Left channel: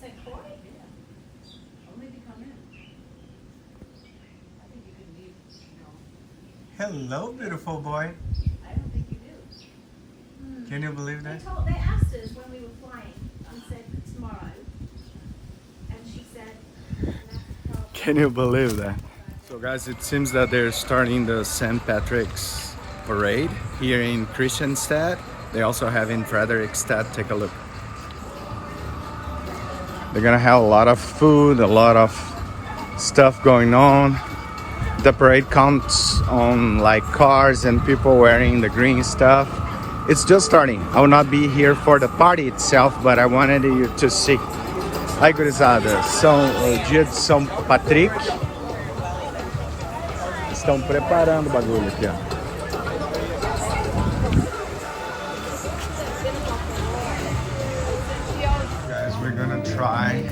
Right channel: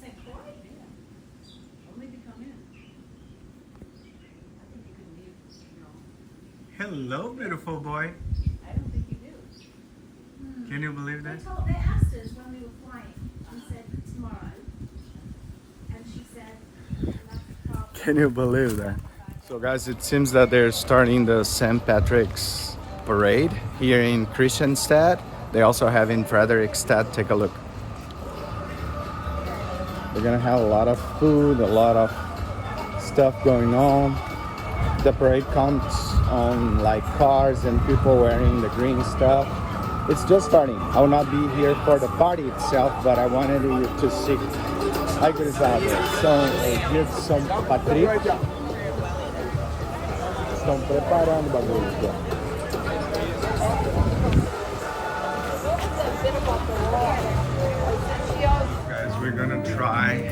St. Croix? Only to come in. I think you could leave, Hello, beautiful boy. I don't think you do. Can you believe They that? asked us when we were flying. We said tomorrow. And she said, Can you believe that? So guys, it seems that they're starting the St. Patrick's parade here in Christianstad. They also have in Frederickstad. Take a look. They're gonna have a lot of food, a lot of stuff going on. The parade comes on like cars and people wearing the green stuff. It's just starting. I will not be here for the party itself, but I wanted you to see. Ai, gurizada, são o dia de São Patrick. Estão preparando o bagulho aqui, ó. Guys, we're gonna try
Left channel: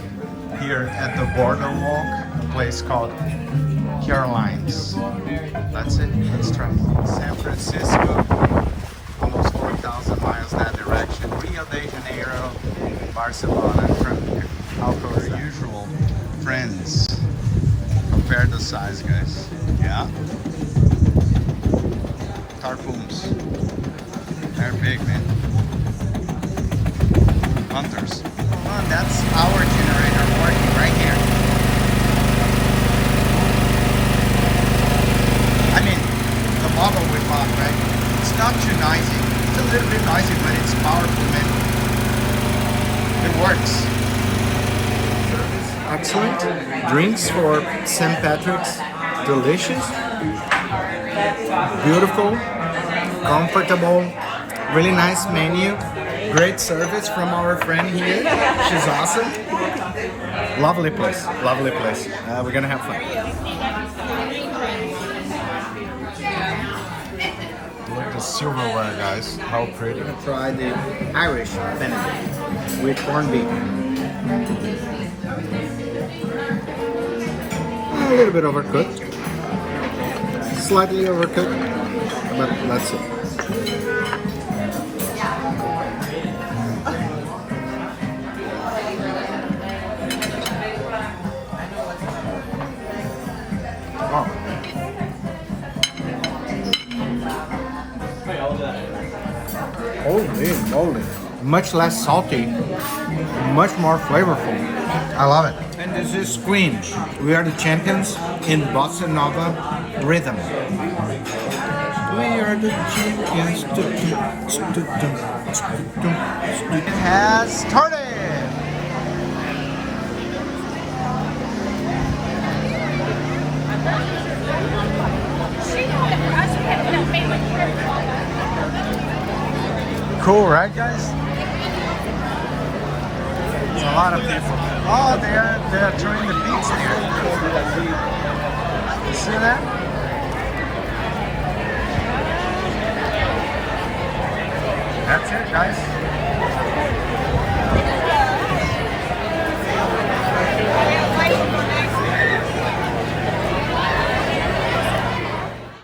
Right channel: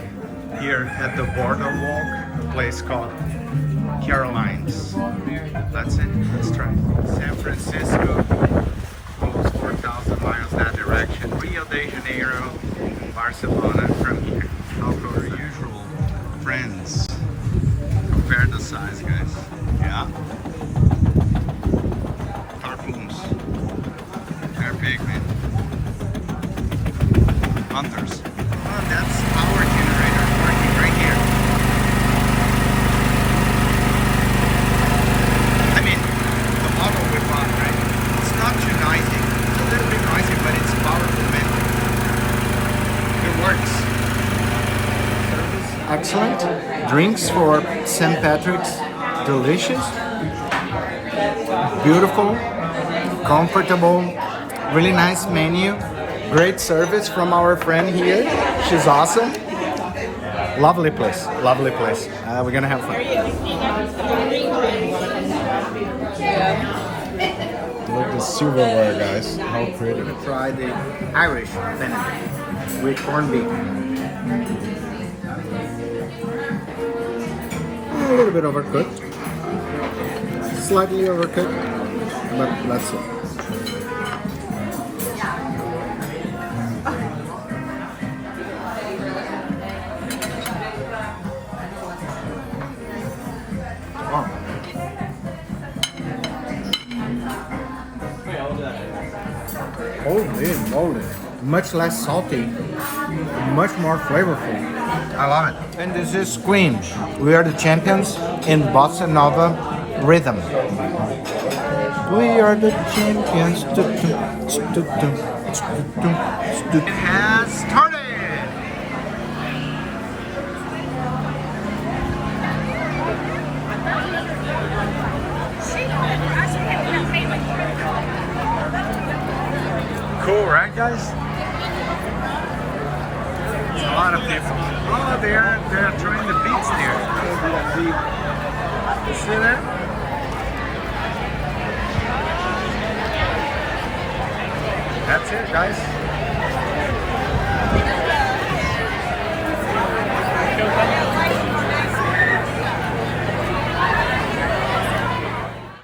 here at the Boardwalk, a place called Caroline's. That's it. Let's try. San Francisco, almost 4,000 miles that direction. Rio de Janeiro, Barcelona. From our usual friends. Compare the size, guys. Yeah. Tarpons. They're big, man. Hunters. Oh, that's our generator working right here. I mean, the model we bought, right? It's not too noisy. It's a little bit noisy, but it's powerful, man. It works. Excellent. Drinks for St. Patrick's. Delicious. Beautiful. Comfortable. Really nice menu. Great service from our friend here. She's awesome. Lovely place. Lovely place. We're gonna have fun. Look at the silverware, guys. How pretty. We're gonna try the Irish Benedict with corned beef. A little bit overcooked. Slightly overcooked, but let's see. Wow. Holy moly. Much less salty, much more flavorful. I love it. And this is Queen. We are the champions in Bossa Nova rhythm. We are the champions. It has started. Cool, right, guys? It's a lot of people. Oh, they're throwing the beats there. You see that? That's it, guys.